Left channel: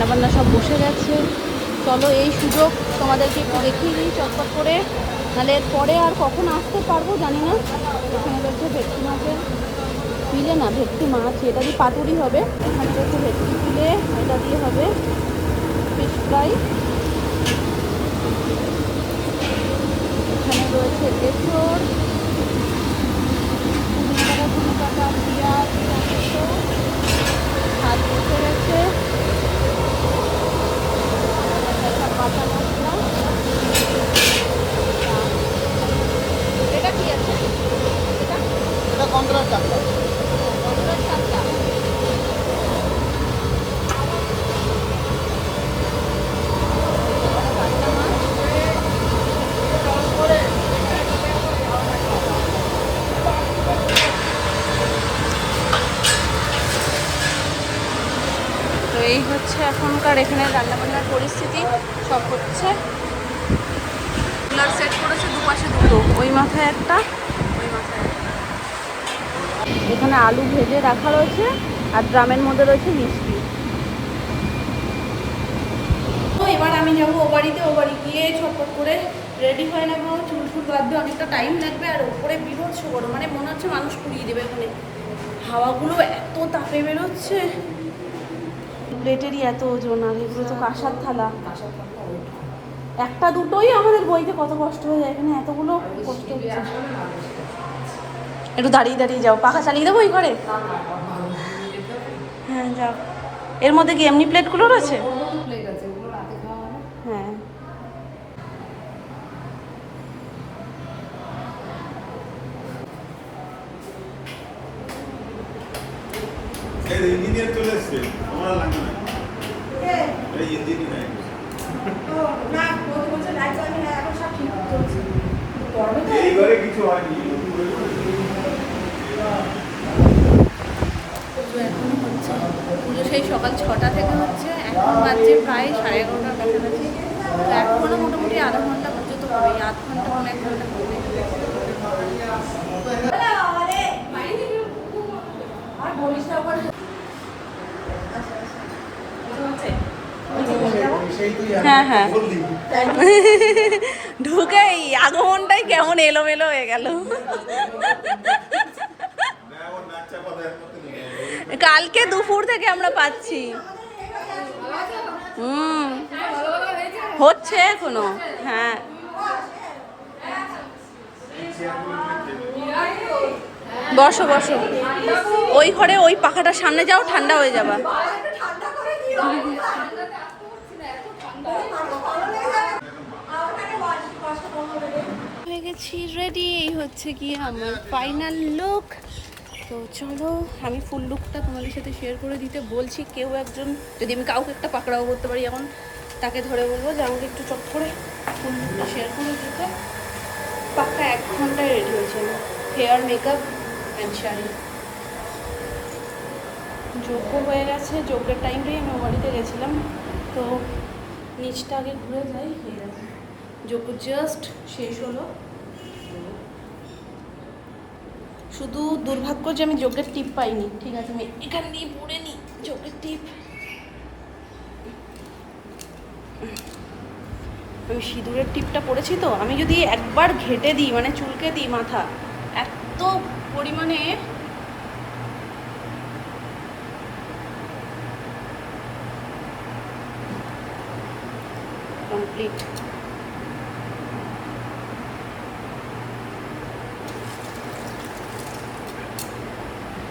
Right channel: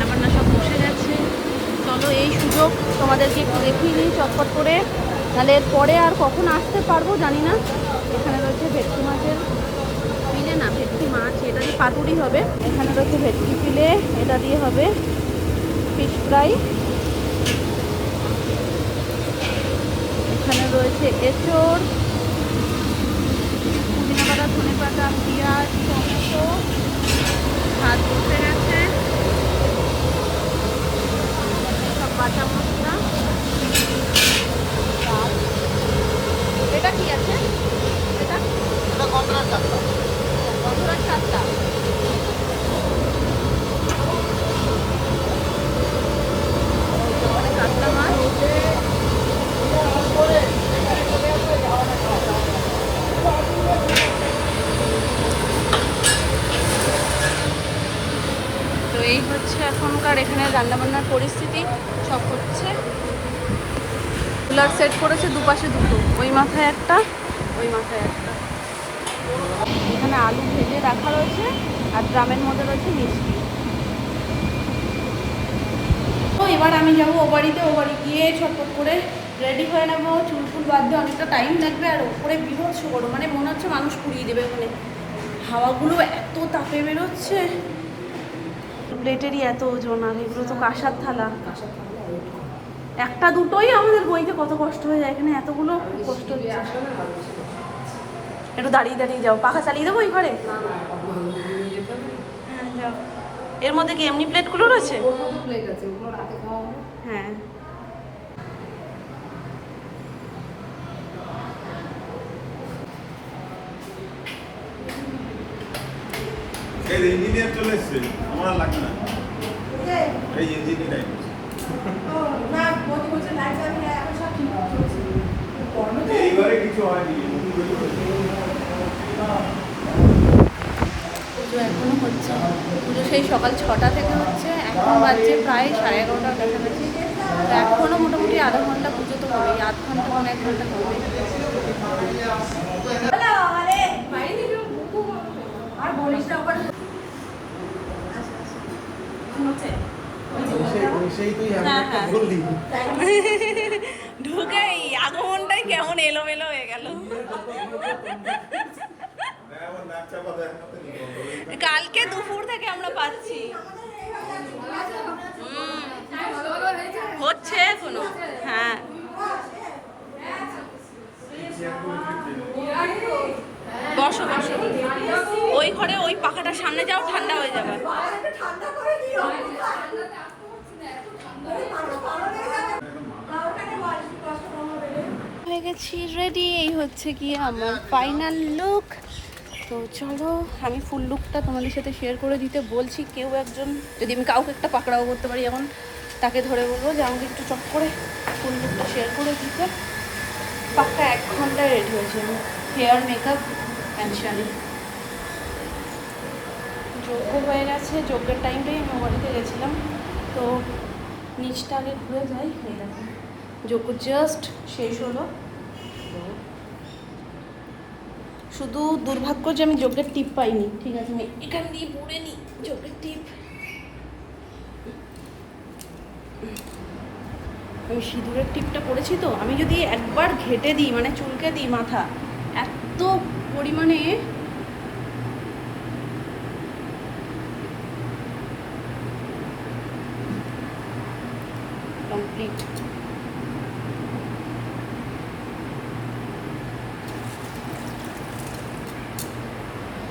রান্নাবান্না সব বসে গেছে। চলো এই সুযোগ তোমাদেরকে একটু দেখিয়ে দিই চটপট করে, তাহলে এরপরে আর কখন আসতে পারবো জানি না। এখানে রয়েছে ভেটকি মাছের ফিলে, না ভেটকি মাছ, এটা দিয়ে পাতুরি হবে। এখানে রয়েছে ভেটকি ফিলে, এটা দিয়ে হবে ফিশ ফ্রাই। এখানে রয়েছে এঁচড়, পুদিনা পাতা, ধনে পাতা, পেঁয়াজ, টমেটো, ভাত বসে গেছে, সব কাঁচা মশলা। এটা কি আছে? এটা গন্ধরার চালটা। কাতলা মাছ, তো এই হচ্ছে এখনকার এখানে রান্নাবান্নার পরিস্থিতি। সব হচ্ছে কুলার সেট করেছে দুপাশে দুটো, ওই মাথায় একটা, ওই মাথায় একটা। এখানে আলু ভেজে রাখা রয়েছে আর ড্রামের মধ্যে রয়েছে মিষ্টি। তো এবার আমি যাবো ও বাড়িতে, ও বাড়ি গিয়ে ছটপট করে রেডি হয়ে নেবো। চুল ফুল বাদ দিয়ে অনেকটা টাইম লাগবে, আর ওপরে বিভৎস গরম, মানে মনে হচ্ছে মানুষ পুড়িয়ে দেবে। ওখানে হাওয়াগুলো এত তাপে বেরোচ্ছে, প্লেটেরই এত ওজন, আর এগুলো তো কাঁসার থালা। একটা দুটোই আমাদের বইতে কত কষ্ট হয়ে যায়, এখানে এতগুলো কষ্ট হচ্ছে। একটু দাঁড়িয়ে দাঁড়িয়ে যাও, পাখা চালিয়ে দেবো এই ঘরে। হ্যাঁ যাও। এর মধ্যে কি এমনি প্লেটগুলো রয়েছে? হ্যাঁ ইঞ্জিনিয়ার চলে এসছে, আমার লাগবে না এই ইঞ্জিনিয়ার। এই ঘরে কিছু হয়নি। পুজো এখনো হচ্ছে, পুজো সেই সকাল 6টা থেকে হচ্ছে, এখন বাজছে প্রায় 11:30টার কাছাকাছি। তো এখনো মোটামুটি আধা ঘন্টা পুজো তো হবেই, আধ ঘন্টা 1 ঘন্টা হবে। হ্যাঁ হ্যাঁ ঢুকেই আগমনটাই কেমন এলোমেলো হয়ে গেল। কালকে দুপুর থেকে আমরা পাচ্ছি, হচ্ছে এখনো। হ্যাঁ বসো বসো, ওই ঘরে ওই পাখাটার সামনে যাও, ঠান্ডা হয়ে যাবা। হয়ে গেছি রেডি, এই হচ্ছে কি আমার ফাইনাল লুক। তো চলো আমি ফুল লুকটা তোমাদের সাথে শেয়ার করে দিতে বলছি। কেউ একজন, যদি আমি কাউকে একটা পাকড়াও করতে পারি এখন, তাকে ধরে বলবো যে আমাকে একটু চট করে ফুল লুকটা শেয়ার করে দিতে। পাক্কা 1 ঘন্টায় রেডি হয়েছে আমি, হেয়ার, মেকআপ অ্যান্ড শাড়ি। যজ্ঞ হয়ে গেছে, যজ্ঞের টাইমটাই আমি বাড়িতে গেছিলাম। তো নিচটা আগে ঘুরে যাই। এই দেখো যজ্ঞ জাস্ট শেষ হলো। শুধু দুর্ভাগ্য যে আমি যজ্ঞের টিপ পাইনি। ঠিক আছে, আমি এখান দিয়ে পরে নিই যজ্ঞের টিপ। আমি সিঁদুরের টিপটা পরেছি, তো আমি যদি একবার ঘেটে দিই, মানে চুলকে দিই মাথা, এত পরিমাণে কমপ্লিট।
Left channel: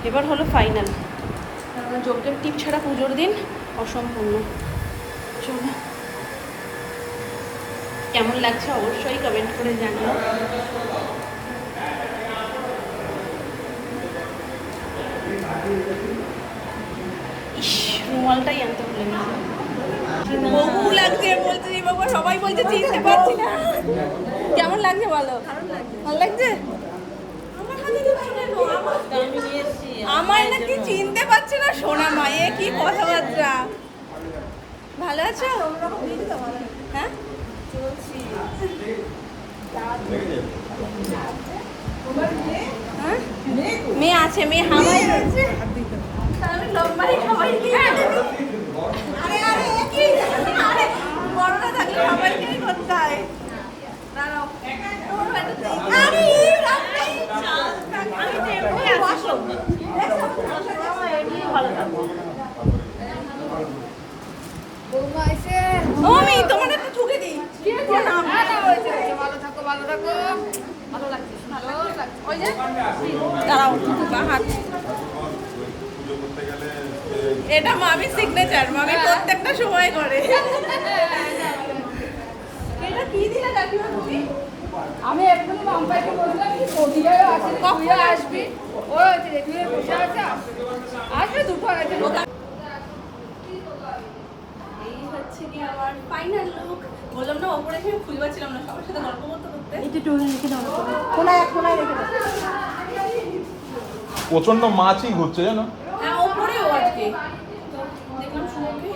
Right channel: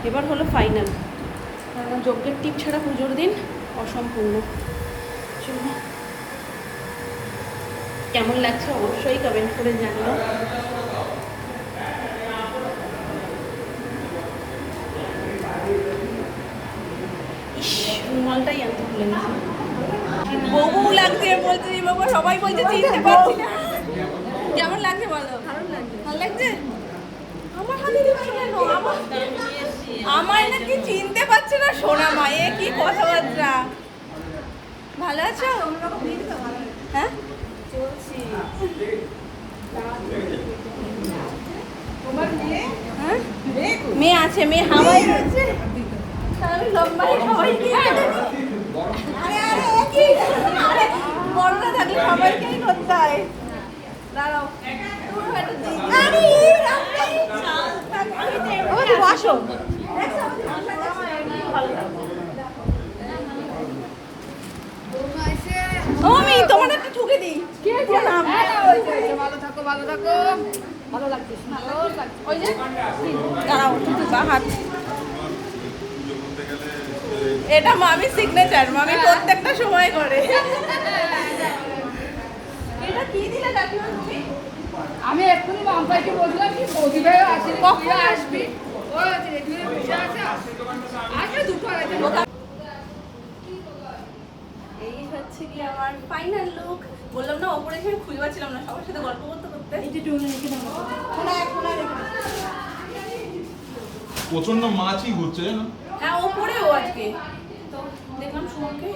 এবার হলো ফাইনাল, কারণ যজ্ঞের টিপ ছাড়া পুজোর দিন অসম্পূর্ণ। চলো কেমন লাগছে অবশ্যই কমেন্ট করে জানিও। ইস, রুমালটাই আনতে ভুলে গেছি। বউ লাগছে বলছে, বাবা সবাই বলছে চিনতে পারছি না। কেমন লাগছে বলো? ভালো লাগছে? আমার হাতে দিচ্ছি কেন? আমায় নাকি চিনতে পারছে না সোনা মা, এ কি কথাবার্তা। ভালো আছো? হ্যাঁ মেয়ে আছে, মেয়ে হাওয়াই আছে। আমি লম্বাই সবাই দেখছো? ভালো থাকো। ও আমি তোমাদের একটু ঠুকে দিই। প্রণাম। ভালো থাকো ভালো থাকো। ভালো লাগছে ভালো লাগছে। ওই যে দাঁড়াও বা হাত। এটা মামি সিগনেচার, মামি প্রত্যেকটা সময় করে। এটা কি দিলে কাকিমা তুমি? আমি এক্ষুনি মামতাকে বললাম কি প্রতিভাই আসে কখন আসবে? ও আছে এখানে বসে আছে আসবে দুটো আছে। এই হচ্ছে কি আমার ফাইনাল লুক। বললাম না ওপরে এসে খুঁজে পাচ্ছিলাম না, সবার সাথে গল্প করতে করতে। এই যে টোনে রেখে দাও, কোনা রেখে দাও। প্রচন্ড মাছই ঘুরছে জানো। হ্যাঁ ওপরে ও আজকে তো দেখলাম সুমনকে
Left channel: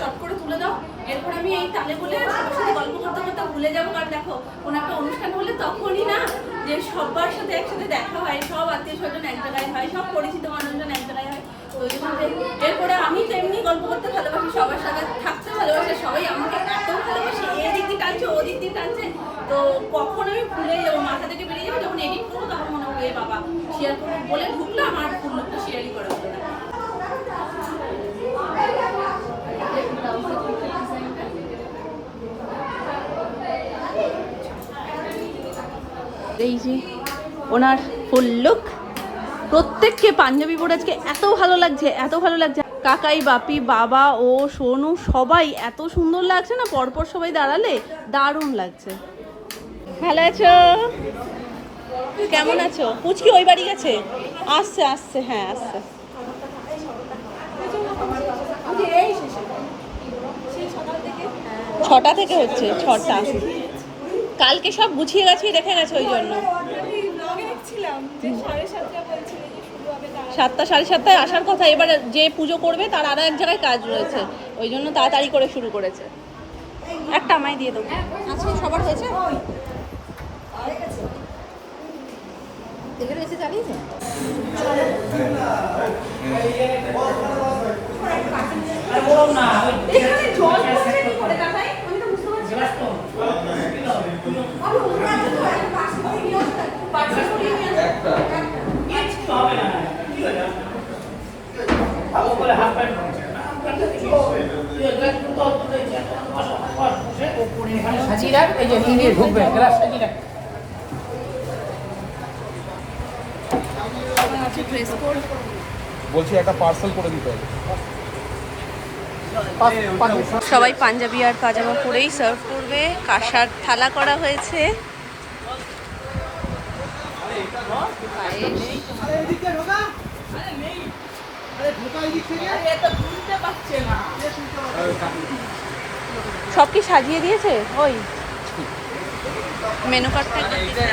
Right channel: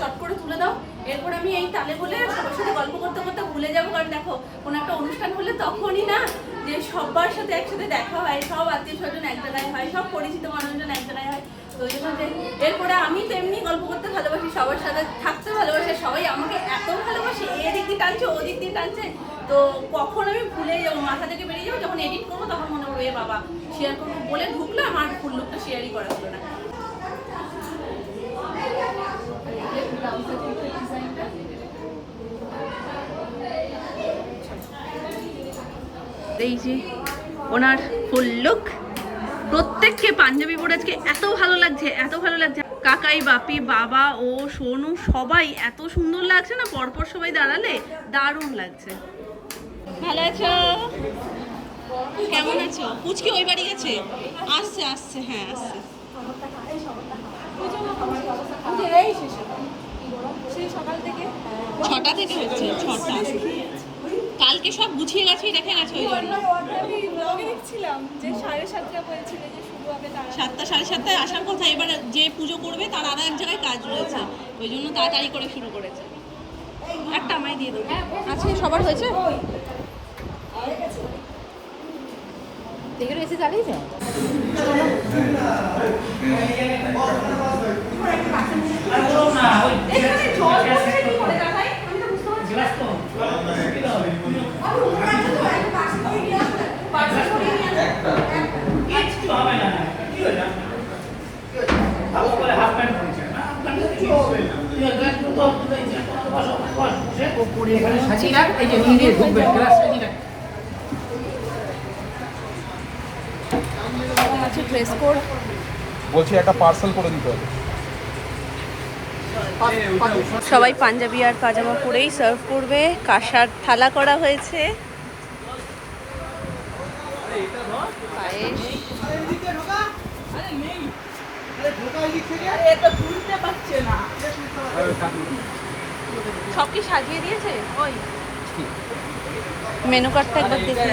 চট করে তুলে দাও। এরপর আমি এই টানে বলে সবার সাথে গল্প করতে করতে ভুলে যাবো, কারণ দেখো কোনো একটা অনুষ্ঠান হলে তখনই না যে সবার সাথে একসাথে দেখা হয়, সব আত্মীয় স্বজন এক জায়গায় হয়, সব পরিচিত মানুষজন এক জায়গায় হয়। তো ওই জন্য এরপরে আমি তো এমনি গল্প করতে ভালোবাসি, সবার সাথে থাকতে ভালোবাসি, সবাই আমাকে এত ভালোবাসে, এদিক দিয়ে টানছে ওদিক দিয়ে টানছে। তো কখন আমি ভুলে যাবো, মাথা থেকে বেরিয়ে যাবো, যখন এডিট করবো তখন মনে হবে এ বাবা শেয়ার করবো বলে ঢুকলাম আর ফুল লোকটা শেয়ারই করা হলো না। এই যে ওনার ফুল লুক, প্রত্যেককে পাঞ্জাবি পরে আজকে এত ভালো লাগছে, এত ভালো লাগছে। কাকাই, বাপি, বাবা ও সোনু সবাই এত সুন্দর লাগছে না, পরপর সবাই দাঁড়ালে দারুণ লাগছে। ভালো আছো? কেমন আছো? পুচকি ওই বাড়ি গেছে, আসছে আসছে, হ্যাঁ আসছে। ছটা থেকে হচ্ছে, ছটা। কালকে সব গুছিয়ে গাছিয়ে রেখে গেছে ওই জন্য। 7টা 7:30টায় আসার কথা, এবারে যে পুজো করবে তার আরো এক জায়গায় কাজ রয়েছে, ওই জন্য তাড়াতাড়ি করে শুরু করেছে। একটা আমায় দিয়ে দেবো। আচ্ছা সবার হয়েছে? দেখে রয়েছে চালিয়েছে এখানে জল পড়ছে কি করে দাদাই? আমি তো বুঝতে পারছি না। পার্সেল করিয়ে নিয়ে আসো। একটা কিছু হবে না, কি হলো? ভালো করে হাত প্যান্ট পরছে না। বলছি একটা পার্সেল করে দিতে হবে। সবাই পাঞ্জাবি আর পাজামা পরেই সার্ভ করবে। কাঁসার থালা করা হয়েছে, সব কি সাজিয়ে দিয়েছে? ওই মেনু কার্ডটা একবার দেখে।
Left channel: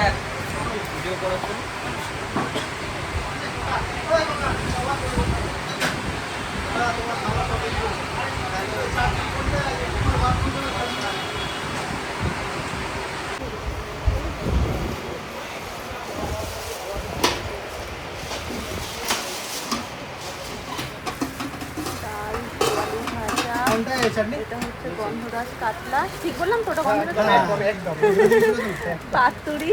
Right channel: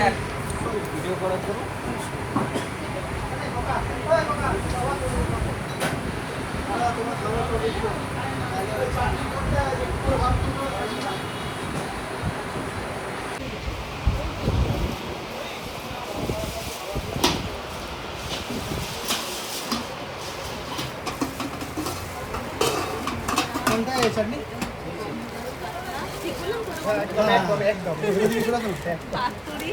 পাতুরি,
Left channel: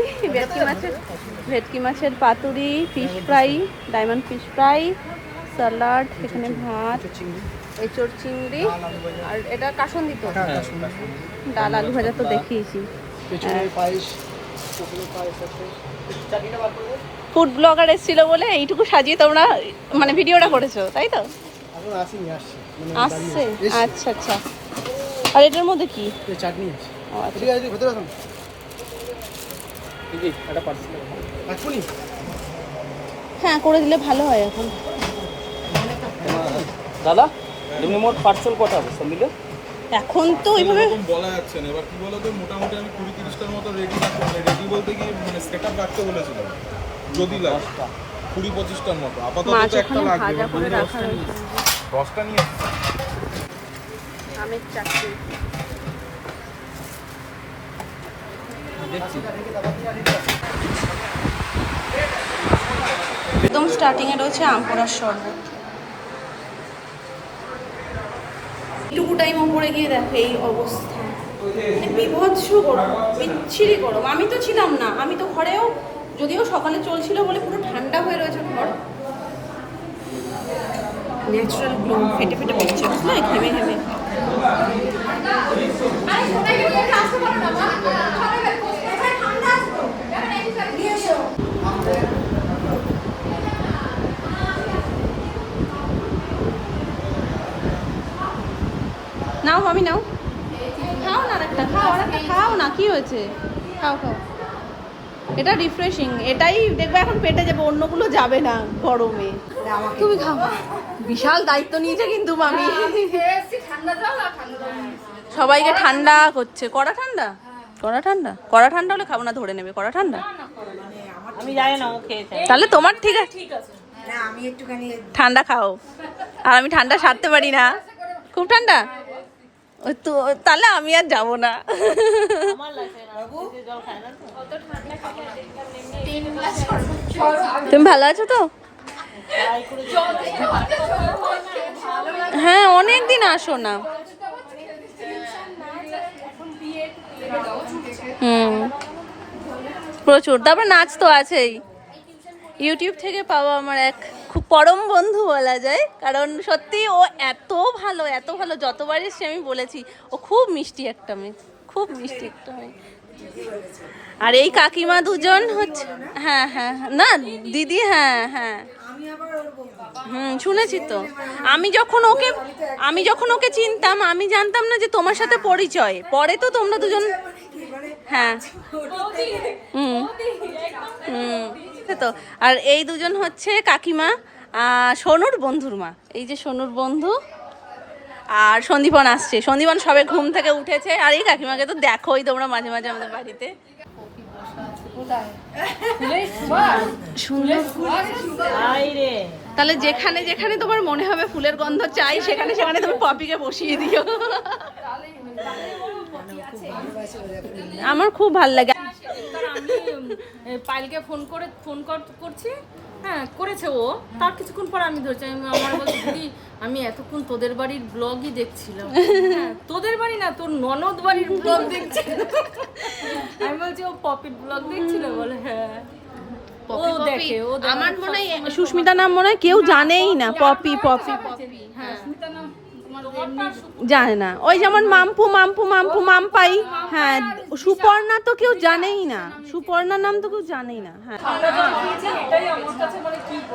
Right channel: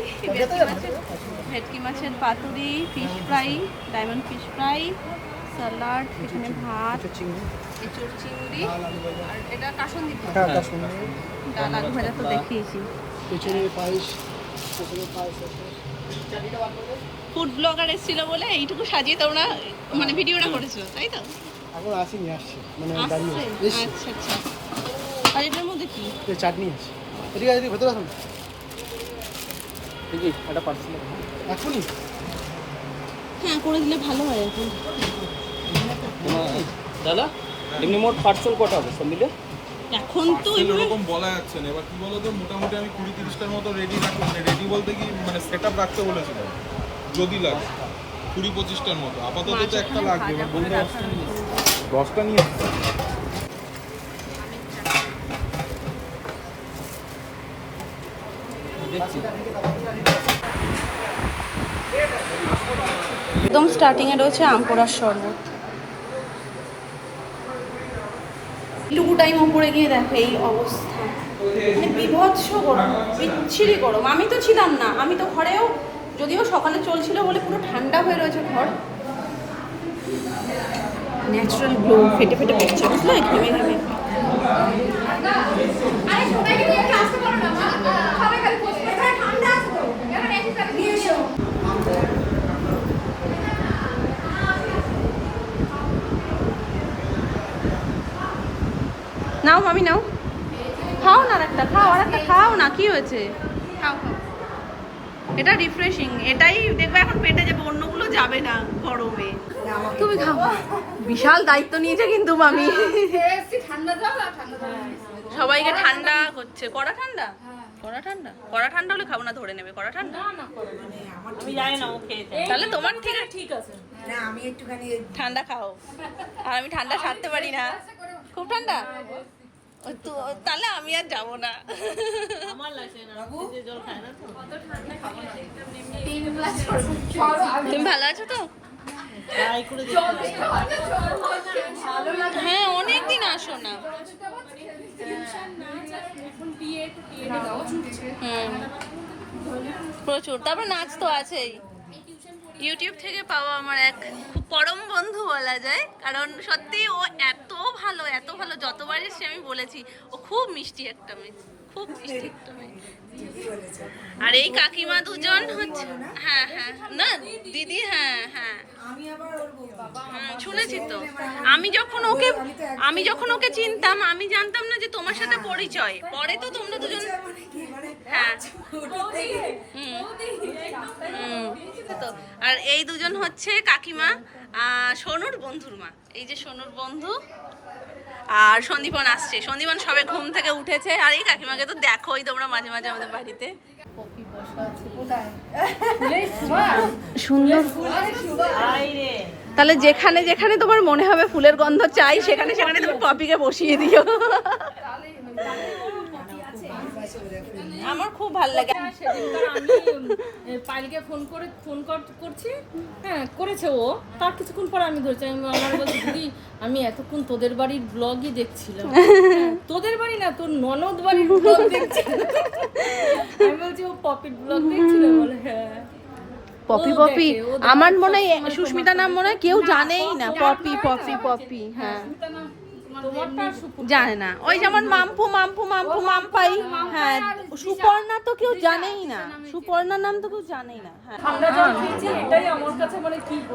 ভেটকি মাছের পাতুরি, fish fry, diamond fish fry, salad, এখানে ভাত, এঁচড় চিংড়ি, আর এটা কাসুন্দি তো, ডাল আলু ভাজা তো দেখিয়েছি। ফুড ব্লগার এসেছিল বলে এইটুকু সাজিয়ে তোমরা মানে ভিডিওটা করেছো, তাই তো? আসছে, আচ্ছা আচ্ছা। আর এটার মধ্যে কি? চাটনি হ্যাঁ করে দিলে ভালো হয় এখন। দাদা এমনি মোট পার্সেল কটা হবে সব মিলে? এখন তো ওইভাবে এরকম বলা যাচ্ছে না। এবার কি বলতো, মোটামুটি আমি 20-30টার মতো রেডি রাখবো, মানে রেডি বলতে কি মানে সেট আপ রাখতে বলেছিলাম, যদি লাগে 20-25টার মতো। আপাতত তো একটা লাগবে, এবার বলতে 10টা নিয়ে আমের চাটনি। একদম স্টার্টিং এ রয়েছে আম পোড়ার শরবত। টুকু টাইম উপরে গিয়ে দেখো এই অবস্থা, মানে বিভৎস গরম, বিচ্ছিরি গরম। আমি তো ছিলাম না, আমি তো ঘরেও যদিও সকালে চলছিল বলে পুরো ঠান্ডা হয়ে রয়েছে ঘর। ন্যাচারাল গ্লো ফেটে ফেটে পড়ছে, বুঝলে, ঘেমে ঘেমে। নাও মামি নাও, খাও না, আরেকটা খাও, আরেকটা খাও না, কি হয়েছে, খাও খাও। এটা রিফ্রেশিং, এটাই দেখবে এখন পেটে যাবে, অন্যগুলো যাবে না গরমে। তুমি খাও। বিশাল দায়িত্ব নিয়েছে কিন্তু মামি, সবাইকে ঠান্ডা করছে। কড়া ঠান্ডা, কড়া ঠান্ডা, কড়া ঠান্ডা হলে খাবো না, ধরে নেবে কড়া ঠান্ডা। আমি জানি না ও খেয়েছে। তাহলে তোমার ঠিক আছে, না আমি একটুখানি ঠান্ডা খাও। আর আমি ঠান্ডা সারতে পারি না, খুব ঠান্ডা। ওই তো তাহলে আমি আর যাবো না। আমার লাগছে না, জল খায় না তো। তুমি ভালো আছো তো? ট্রাই করে দেখতে হ্যাঁ, অনেক দিন আসো না। প্রচুর, তারপরে নাচ তো আছেই। ইউটিউব থেকে পাওয়া আমার এক খুব পরম বন্ধু বলা যায়, কারণ সত্যি ও এত ভালো, এত ভালো। যতবার এসছি আমি বলেছি ও খুব মিষ্টি একটা মেয়ে, খুব মিষ্টি একটা মেয়ে। আর এই কাকিমা দুজন হচ্ছে, হ্যাঁ হ্যাঁ না দিদি, হ্যাঁ হ্যাঁ শুনেছি তো। আমি যখন ওকে চিনতাম, আমি জানতাম না যে তোমার সাথে পরিচয়, পরে তো তোমরা দুজন, হ্যাঁ তো। আর এই দুজন হচ্ছে কাকিমা, সোনুর বন্ধুর মা। এই যে সোনুর বন্ধু, আর সন্দীপন আসছে। সন্দীপন সবে ঘুম থেকে উঠেছে। আর এই কাকিমাকে তো দেখোই তোমরা মাঝে মাঝে আমাদের বাড়িতে। সুন্দর। তাহলে যেখানে যেখানে তোমার মনে হবে ফুলের গন্ধ চাই, সেখানে সেখানে তুমি পপিকে বসিয়ে দিও। আমার খুব ভালো লাগে। আমি পাইলকে ফোন করছি, হ্যাঁ করেছে ও। তার কিছুক্ষণ পর আমি ধরছি, আমার বলছি দিদি আমি এতক্ষণ তোদের বাড়ির ব্লগই দেখছিলাম। হ্যাঁ, তোদের বাড়ি না, তোর ননদ বাড়ির ব্লগ দেখছিল। আমি বলছি ও পপির ব্লগ দেখছিল, বলে হ্যাঁ। পপি পপি, আমার মনে হয় সুস্মিতা নাম মনে হয় কেউ জানেই না। পপি পপি পপি, হ্যাঁ জানে না। ওই যেমন মাম্পু মাম্পু মাম্পু মাম্পাই, হ্যাঁ। সুপর্ণা তো কেউ জানেই না, সুপর্ণার নাম তো কেউ জানেই না। হ্যাঁ,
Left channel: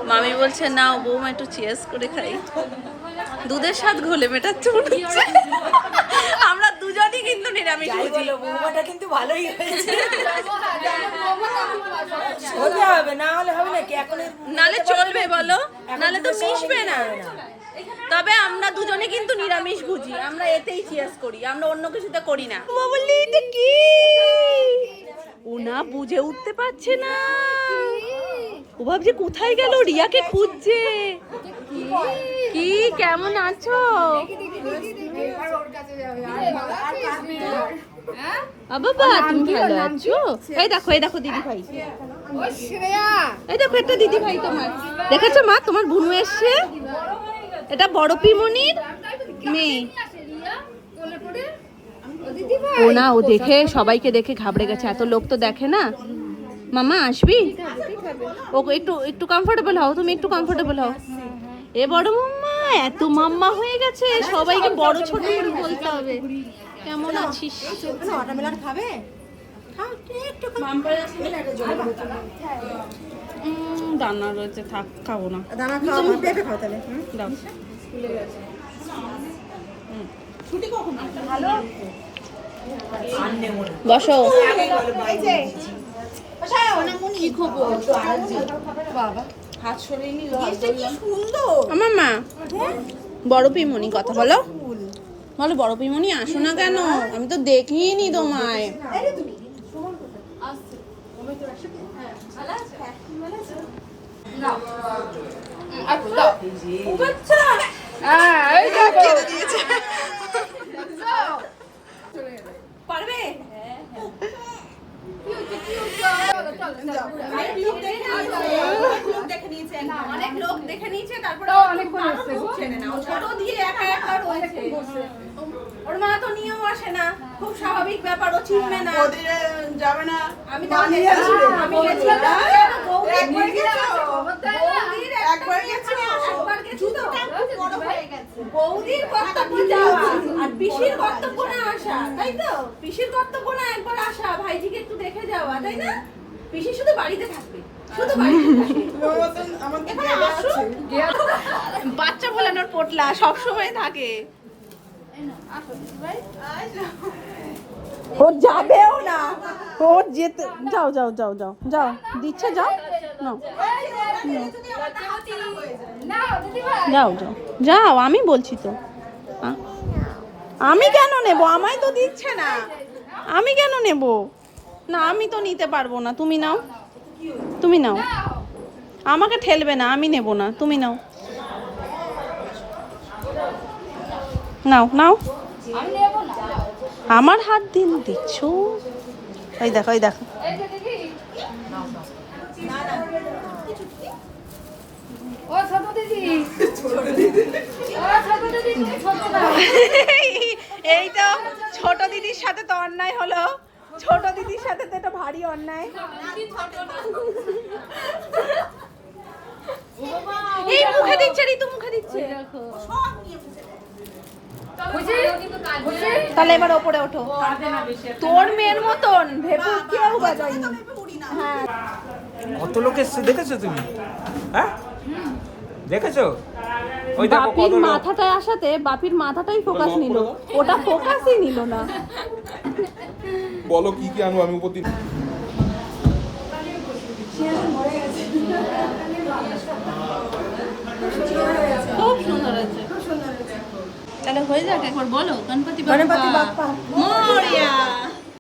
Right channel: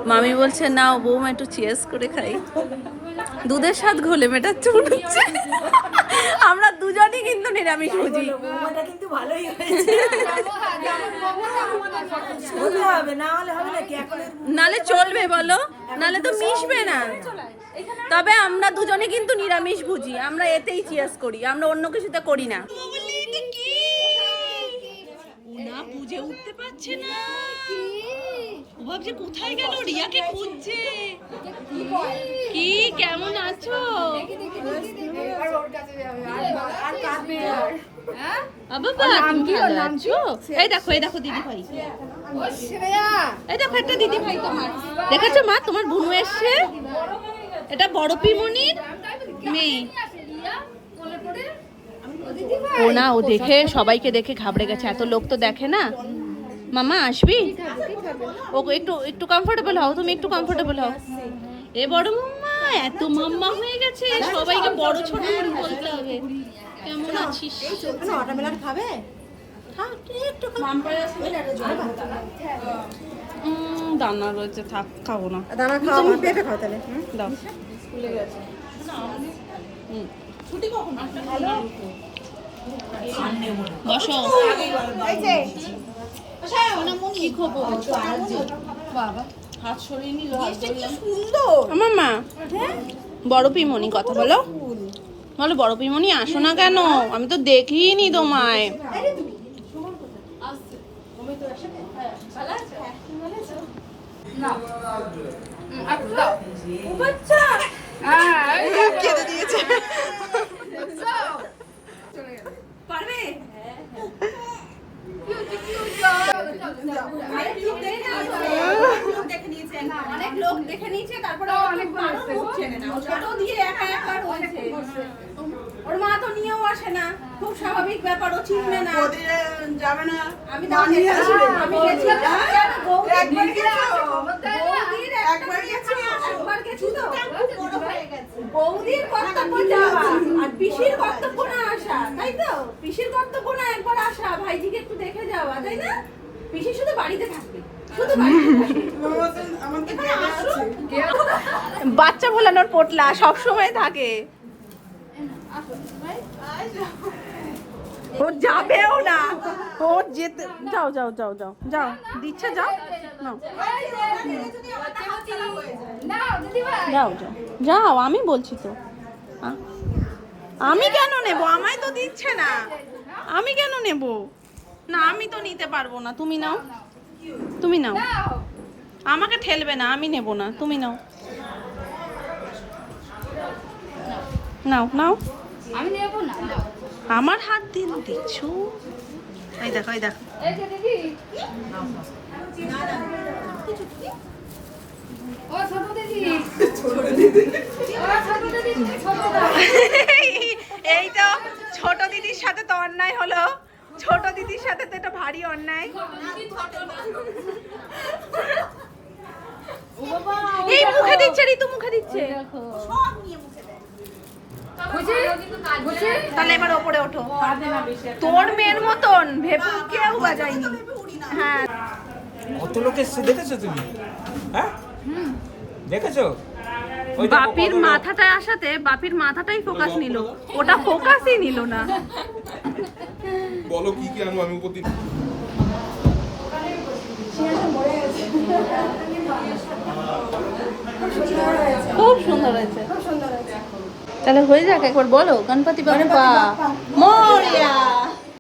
মামি বলছে নাও বৌমা একটু চিয়ার্স করে খাই। দুধের স্বাদ ঘোলে মেটা চুড়ছে। আমরা দুজনই কিন্তু নিরামিষ ভোজি। বৌমাটা কিন্তু ভালোই হয়েছে। হতে হবে, না হলে হবে নাকি? এখন নালে চলবে বলো, নালে তো মিশবে না। তবে আমরা দুজনে কিন্তু নিরামিষ ভুজি, আমরা এতেই চিয়ার্স করি, আমরা অন্য কিছুতে করি না। বলি এটা কি? ও না বুঝে উঠতে পারছে না, ও ভাবছে কোথায় গেল, রিয়াকে খুঁজছে। কি কেমন আছো? বাবা তুমি ভালো আছো? এই দেখো দিদি ভাই, এই দেখো একটা দিদি ভাই তোমার, দেখেছো মা তোমার বুনু এসছে। এটা বড় পিমনির মেয়ে। ও না, ও দেখে সবাইকে দেখে ঘাবড়ে গেছে, এত লোক তো দেখে না। মামা আসবি? ও একটু একটু কমফোর্টেবল হও, তুমি একটু কমফোর্টেবল হও। এ বড় মাম্মা এত মাম্মা হয়ে গেছে, সবাইকে বড় ছোট করে বলতে হবে। কেমন আছিস? ওয়াটারমেলন খাবে? দানা রয়েছে, থাক খাবো না। দানা খাও, পেঁপে খাও তাহলে। দাও। বসো। কি খবর? হাত সরিয়ে নিল। আমার মা বড় পিমনি, কথা বলো বলো। বড় পিমনি আসো না কেন? আমি তো দেখিনি তোমায়। পারবে? অনেক লোক দেখে নিয়েছে, তারপরে মুখ চেনে না, ছোট দিয়ে একা একা রয়েছে। ওর মা তো নিয়েও আসে না, খুব স্বাভাবিক ব্যাপার, ও চিনবে না। যাবে না আমি তো আমি গেছিলাম বৌদির একবার গেছি তো, বৌদির কর্তব্য যাওয়া আর পিসির কর্তব্য না আসা, তাই তো? পিসির কর্তব্য না একবার আসা, ভাইজিকে একটু দেখে যাওয়া, তাই না? পিসি শুধু বাড়িতে থাকবে, শুধু বাড়িতে থাকবে। এখানে আসুন। বাচ্চা ভোলানোর পোটলা সব সময় থাকে। ও যাবেও না, ও যেতে, যাও যাও যাও যাও যাও, দিচ্ছে যাও, যাও যাও যাও, আমি বলছি তো। আমি কেন নেব, আমায় তো দিচ্ছে না, আমি কেন নেব? না আমি তো নিতে পারবো না, তুমি নাও, তুমি নাও, আমাকে ঠেলবে না, আমি নেব না, তুমি নাও, নাও নাও। আমার হাত দিয়ে দিচ্ছ, এই দেখো এই দেখো। এই তো ছোট দিদির সাথে তো অন্যায় হলো, ছোট দিদির সাথে তো এটা ভারী অন্যায়। এই মুখে দিচ্ছে, ঋতু মুখে দিচ্ছে। তাহলে এবার ওপরে ওঠো, তোর মেয়ের মতন ভেপু কেউ বাজায়নি। হ্যাঁ, কত লোক এসছে দেখেছো তুমি? হ্যাঁ দেখেছো? ওই দেখো বাপির কত লোক। মাথাটায় আসাতে বাপির মাথাটাই ফোকাস নিল, ওটা ফোকাসই নিল না। বলো কি কি আনবো আমি উপর দিন। খুব সুন্দর হয়েছে। তাহলে হয়ে যাক, একবার বলো গণপতি বাপ্পা